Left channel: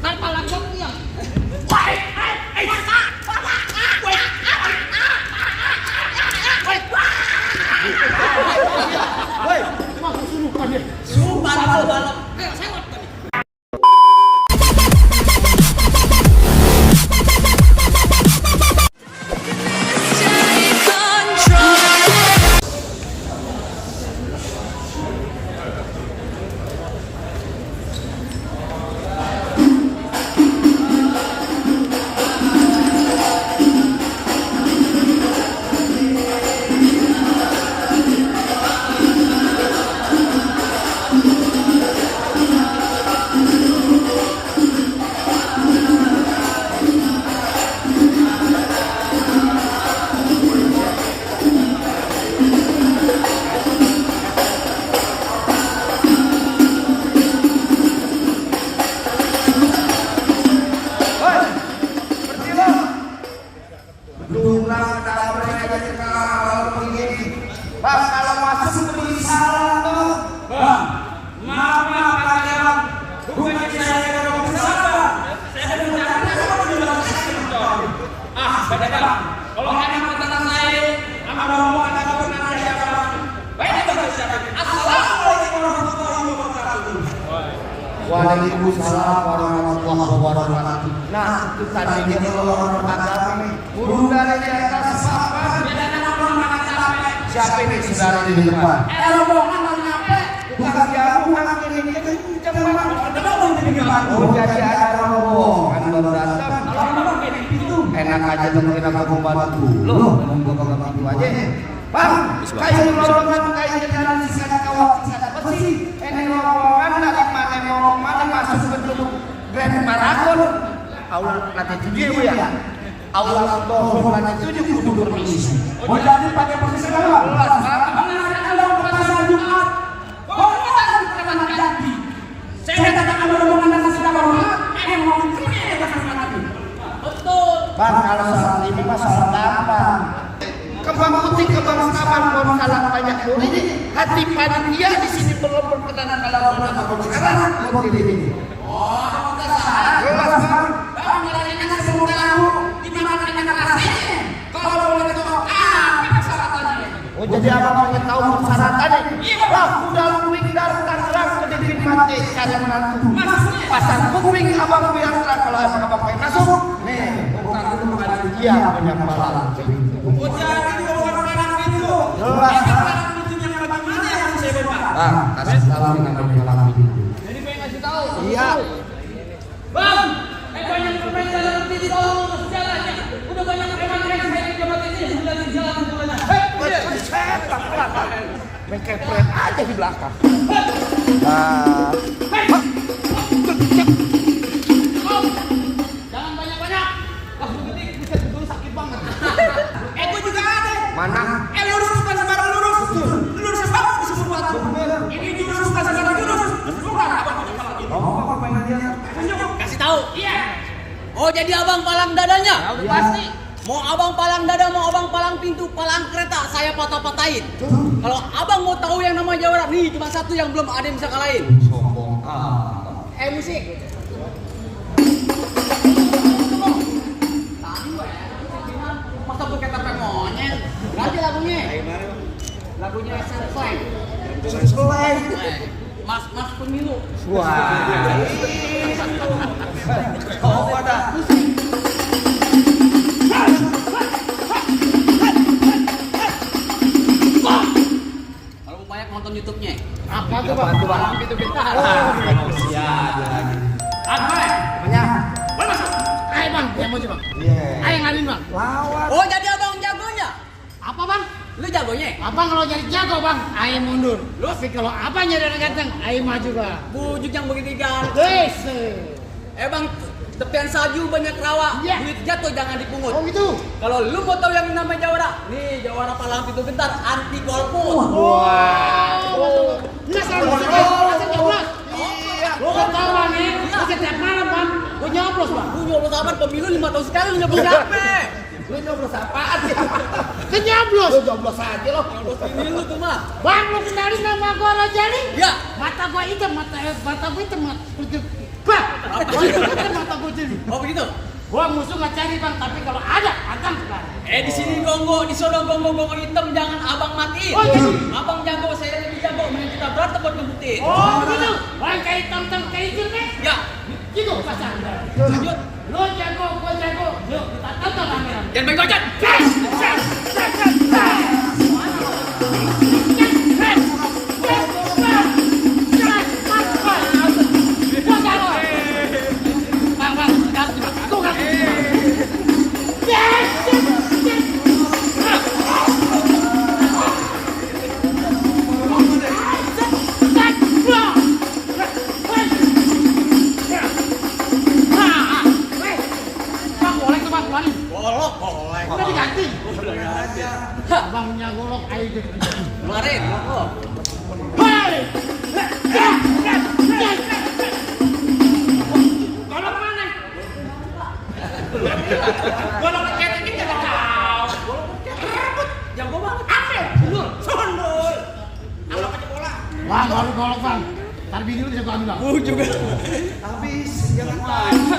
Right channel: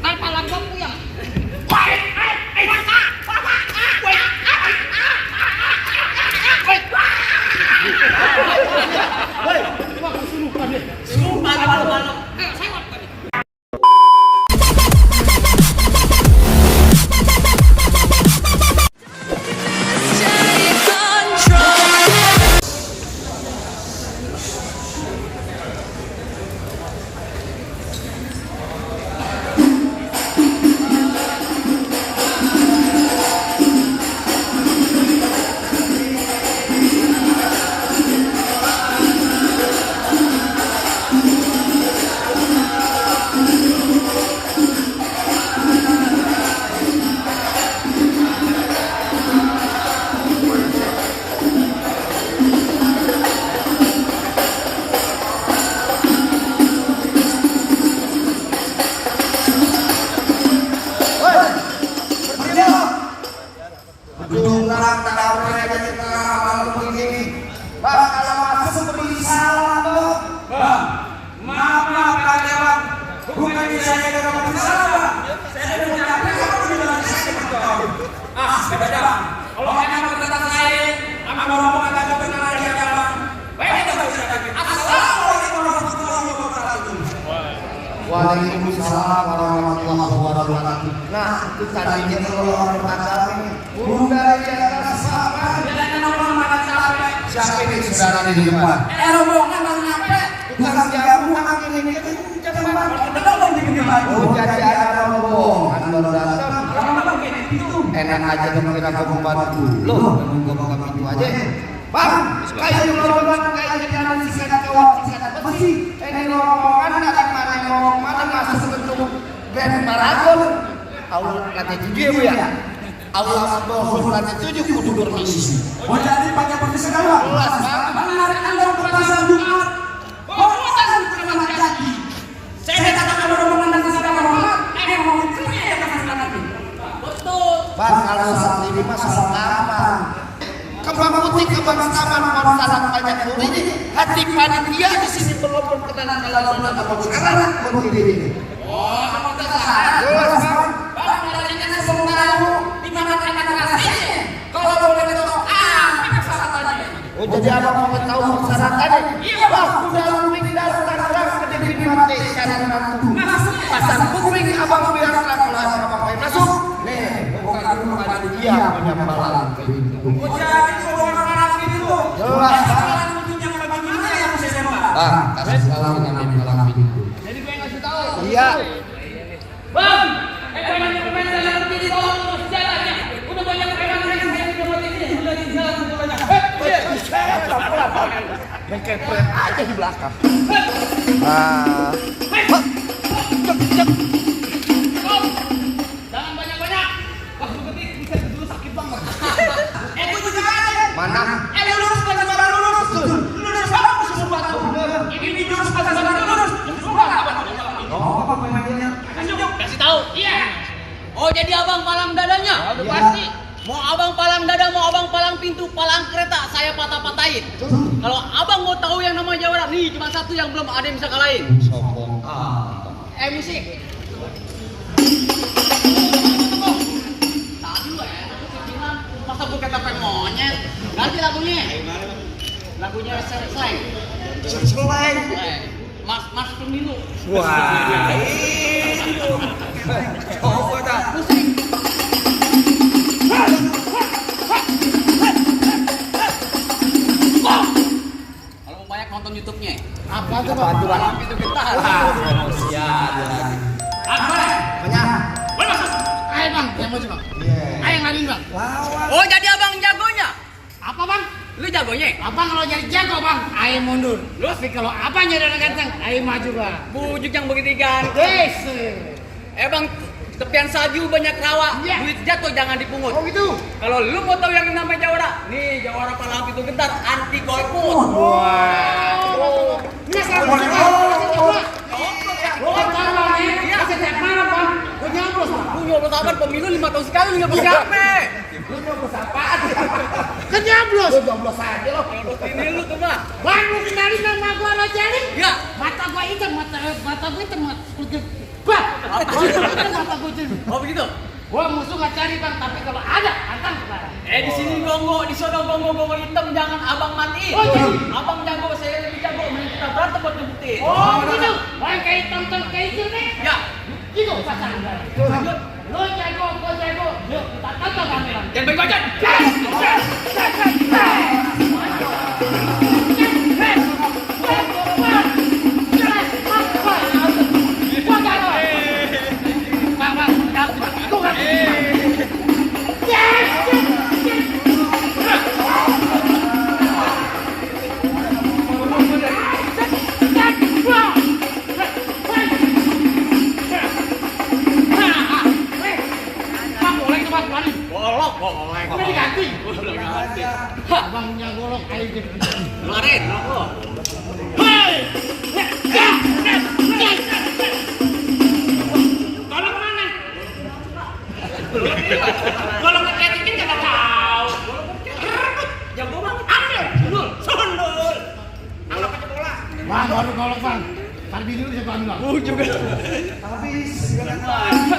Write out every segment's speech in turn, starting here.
Tanpa langsung yang. Bang, kalau masuk beli salah dong. Bang, maaf karyawan. Bukan saya yang mau salah. Saya mau tanya kalau bilang saya. Beda. Kalau hanya tentang saya, sama ngomong agak berkenaan dia Bang. Baik itu saya. Assalamualaikum warahmatullahi wabarakatuh. Waalaikumsalam warahmatullahi wabarakatuh. Nah, itu tadinya kalau orang beragama bunda di atas papan. Siapa ini sekarang di depan? Rombongan apa? Bukan kamu yang ini kita jadi ada rombongan baru datang. Enak aja dong kita bantu. Loh, ngomong gitu aja. Bang, kayak rombongan kayak jalan di sana kawat apa sih? Ini rombongan dari mana masuk bentuk Grand Paragon. Allah lantai 7 ya. Allah lantai 7 kudu bermisi. Oh jadi pakai permisi segala. Mengenalkan dong perasaan Jumat. Oh kita kan teman jadi. Saya katakan rombongan dan segala rombongan. Ngomong ceria katakan lagi. Betul. Bang, kalau saat ini masalah gampang. Kalau penting kebersamaan salah banyak ini hati panitia di sini belum berkenan kalau sekarang mau ini. Oh, kamu tersalah. Bang, larinya semua kamu di mana kasihnya. Kalau boleh tahu persyaratannya. Oh, jadi abang mau tahu persyaratannya? Wah, udah luwing dari Tangerang ke Depin Mate cari menantu. Pasar booking abang bilang kalau abang pengen masuk. Nih, bukan dulu panitia banyak malam. Oh, jadi bukan malam itu. Jelas. Malam itu yang bagaimana yang saya dapat? Bang, kasih tahu nama malam itu. Jadi gue ngasih tahu. Iya. Bang, banyak pemain dalam berdiri tolong urus jalannya. Udah banyak preman yang saya di tempat ini sudah di jalan sebelumnya. Pelan-pelan. Yang kepret aja di belakang. Jangan banyak-banyak. Wah, begitu bisa dulu sakit banget. Itu juga ada. Mana? Lurus bukan sembarang lurus. Lurus sembarang disebut batu. Ini lurus bukan sembarang lurus. Kasih tahu. Iya. Oh, jadi abang palang dadanya? Pasti. Mau abang palang dada, mau abang palang pintu, palang kereta, saya patah-patahin. Kalau abang mau tahu yang namanya Jawara, nih cuma satu yang belum ada yang bisa kalahin. Sombong. Musik. Tadi lo ya, musik bilang masa gue kata monyet. Ganti lagunya. Lagunya Slang. Mas pemilu. Wah. Oh, ada. Musik. Kalau mau banyak nonton YouTube-nya. Apa itu bantu Palang pintu bentar. Ayo bang, yang mau bang. Ayo ngalin bang. Oh jadi abang jagonya? Apa bang? Lu jagonya? Abang kalau jadi jago bang, ayo mundur. Lu? Tapi kalau abang jadi orang ganteng, ayo maju bang. Bujuk yang begitu ganteng. Wes. Bang, tepian salju banyak rawa. Iya. Duit jatuh jangan dipungut. Oh gitu. Kalau lu mau tahu yang namanya Jawara, nih Jawara palang pintu bentar anti golput. Wah. Ini salah maksudnya. Lo kan tahu bang nih, setiap malam bang, gue nyoblos bang. Lu nyoblos kapan pemilu 5 tahun sekali nggak berapa. Lu nyoblos apaan sih? Kan nyoblos. Lu nyoblos aja lo. Ini lu tuh mah. Bang, lu kenalin nama gua lo Jali? Ya. Mata gua hitam, mata gua hitam, bah, mata gua hitam. Oh begitu. Gua musuh nggak cari bang, tapi kalau ada, antang sekarang. Di sini gongo, di sono gongo hitam, jangan abang mati. Oh, gitu. Abang jago, saya lebih jago. Mending kita berantem buat ngebuktiin. Oh gitu, bang kayak tonton kayak itu nih. Ya. Gitu pasangan. Lanjut. Lo jago, gua jago. Yuk kita tonton kamera. Jangan bego aja. Boleh. Udah diganti. Udah ganti. Abang punya golok air gitu. Keluarin, rokok. Hei! Golok mana? Golok keketingin gak tahu. Jago banget. Ambil. Sundul. Golok aja bola. Wah, baru golok bang. Ntar bini lu bisa gua ambil bang. Juga. Habis, jangan lama.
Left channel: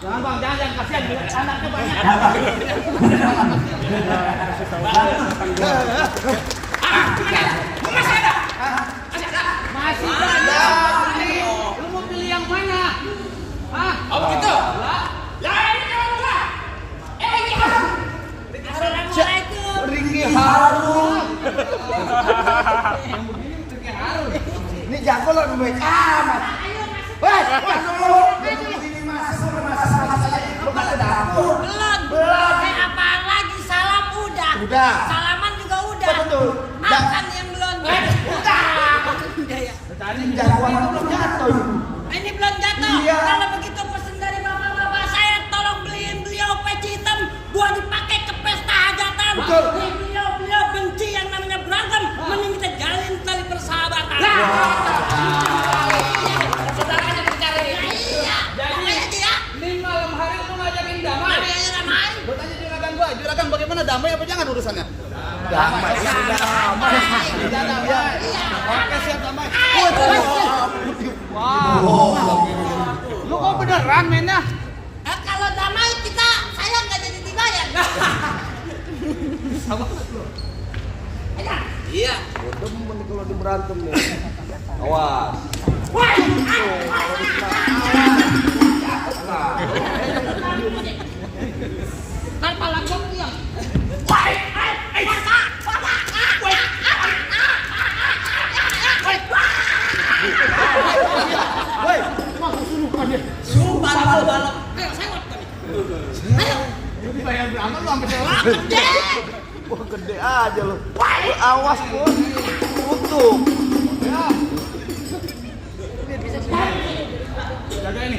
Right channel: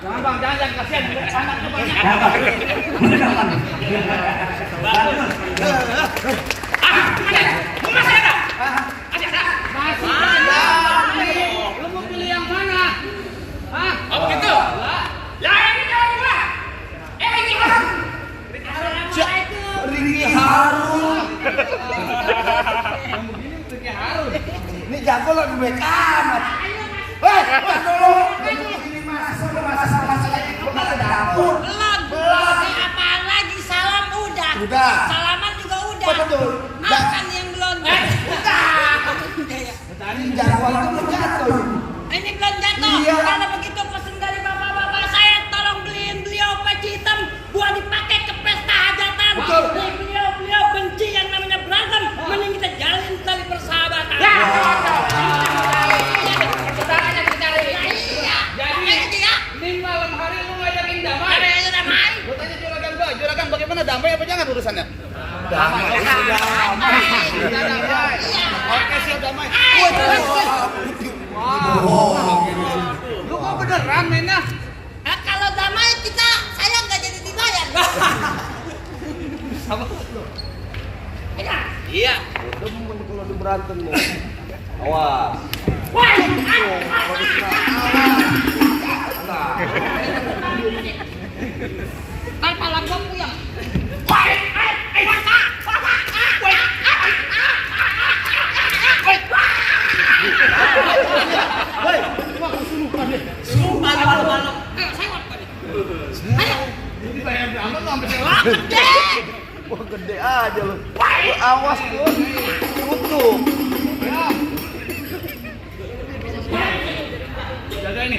Jangan bang, jangan kasihan anaknya banyak. Masih ada? Masih ada. Lu mau pilih yang mana? Hah? Oh begitu. Ya ini jangan gua. Ini Harun. Assalamualaikum. Riki Harun. Yang begini Riki Harun. Ini jago lo baik amat. Ayo masuk. Kan dulu. Ini masa sama saja. Lu kan dapur. Belum. Apaan lagi? Salam udah. Udah. Salaman juga udah. Oh, betul. Makan yang belum. Ini jagoan itu belum jatuh. Ini belum jatuh. Iya. Kalau begitu pesen dari bapak-bapak saya, tolong beliin beliau peci hitam buat dipakai ke pesta hajatan. Betul. Beliau benci yang namanya berantem. Mending kita jalin tali persahabatan. Ya. Saudaranya kita cari. Iya. Jadi ini malam hari mau ngajakin damai. Damai. Gue tanya juragan bagaimana damai apa jangan urusannya? Damai. Oke siap damai. Lu kok beneran mainnya? Kalau damai saya nggak jadi dibayar. Iya. Kalau di berantem lo. Awas. Kan pala gua puyeng. Wah, kesurupan deh. Sumpah malam-malam. Lu dibayar berapa lu sampai sewa? Wah gede aja lo. Awas lo. Tutup. Ya. Jaga ini.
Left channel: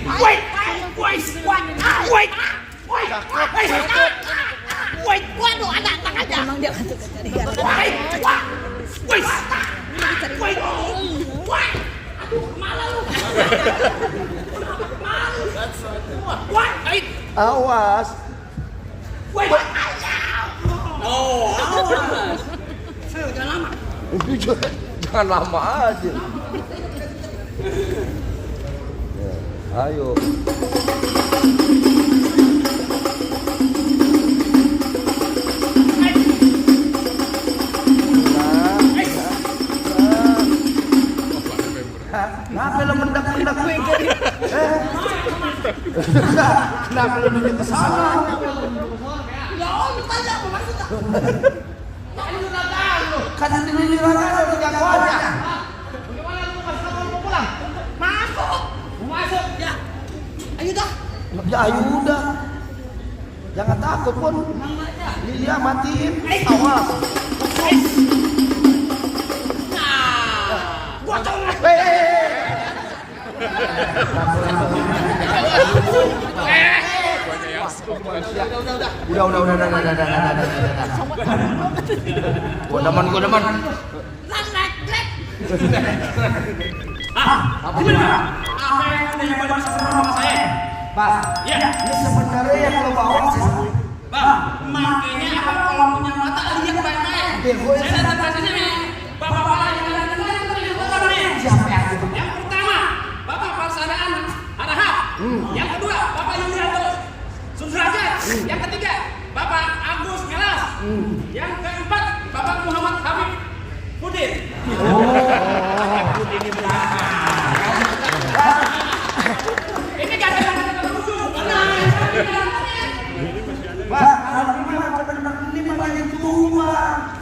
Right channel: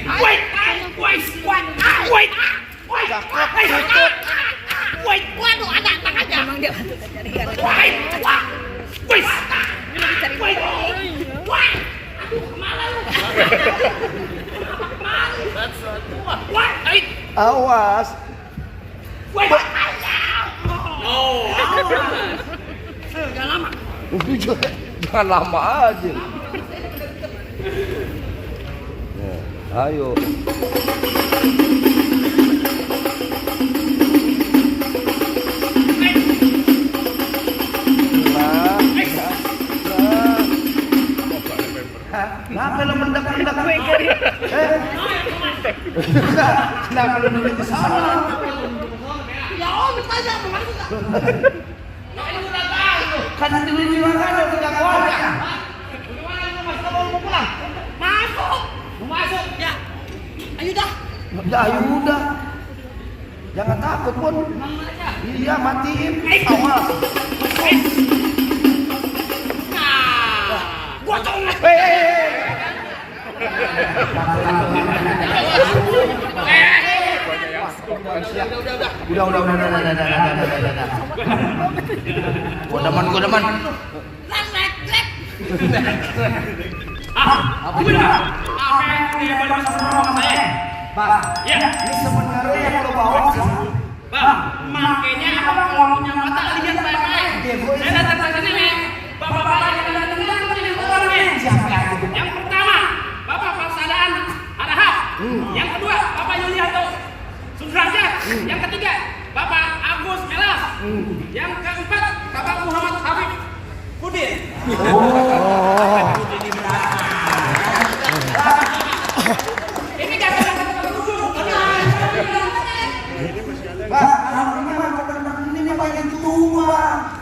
Waduh, anak aja. Emang dia nanti cari gara-gara. Ini lagi cari aduh, kemana lu? Awas. Oh. Gak lama. Jangan lama aja. Ya, ayo. Kenapa lu mendak-mendak gue jadi? Kenapa lu mendak salah? Ya lu tanya apa maksudnya? Ini udah tahu. Kan ini orang udah jagoan. Bagaimana lu masuk mau pulang? Masuk. Mau masuk? Ya. Ayo dah. Ya ayo udah. Jangan takut pun. Mama aja. Iya matiin. Awas. Nah. Gua colok. Udah man. Lek. Bang, ini sebenarnya yang perlu bawa siapa? Bang, makanya abang kalau punya mata lihat baik-baik. Saya datang ke sini, bapak-bapak yang ada di orang nih. Siapa aja? Yang pertama, Bapak Persaudaraan Harahap. Yang kedua, Bapak Yulianto Sudrajat. Yang ketiga, Bapak Agus Melas. Yang keempat, Bapak Muhammad Habib Pudin. Ini gak ada Bang, ini memang yang tua.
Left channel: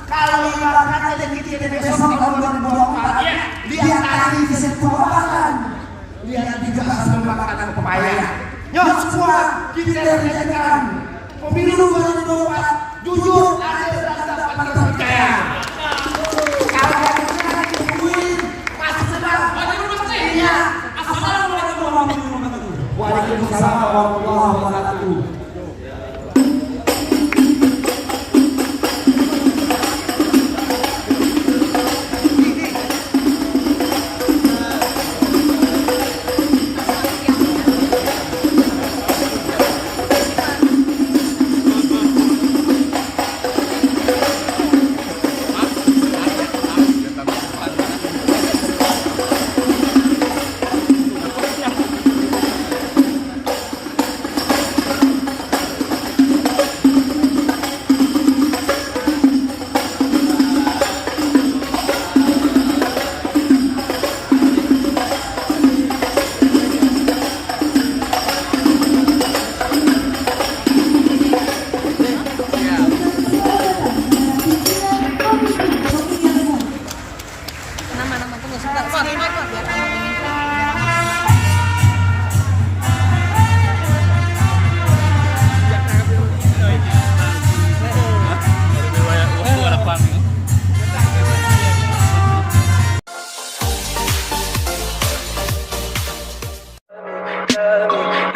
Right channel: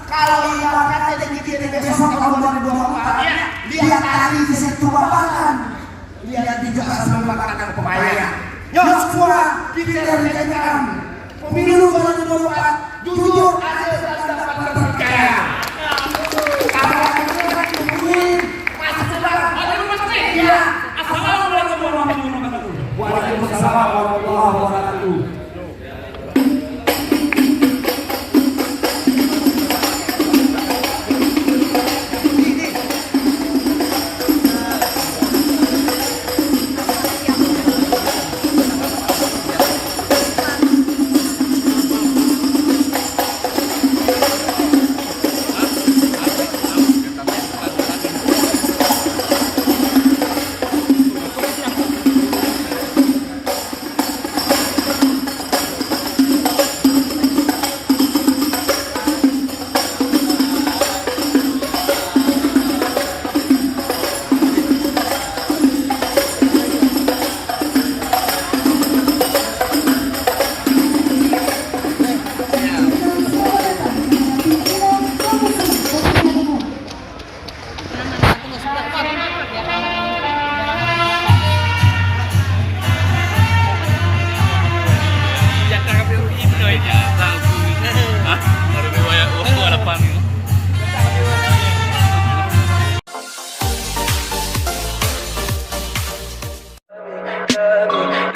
Kalau ibarat kata kita besok tahun 2024, dia tadi di setuaran. Dia tidak sampai melakukan pepaya. Nyok semua kita rencanakan pemilu 2024 jujur, adil dan dapat terpercaya. Kalau ada yang tungguin masih sedang. Iya. Assalamualaikum warahmatullahi wabarakatuh. Waalaikumsalam warahmatullahi wabarakatuh.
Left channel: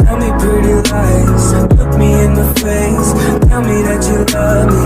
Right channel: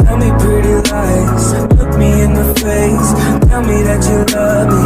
Tell me pretty lies, look me in the face. Tell me that you love me,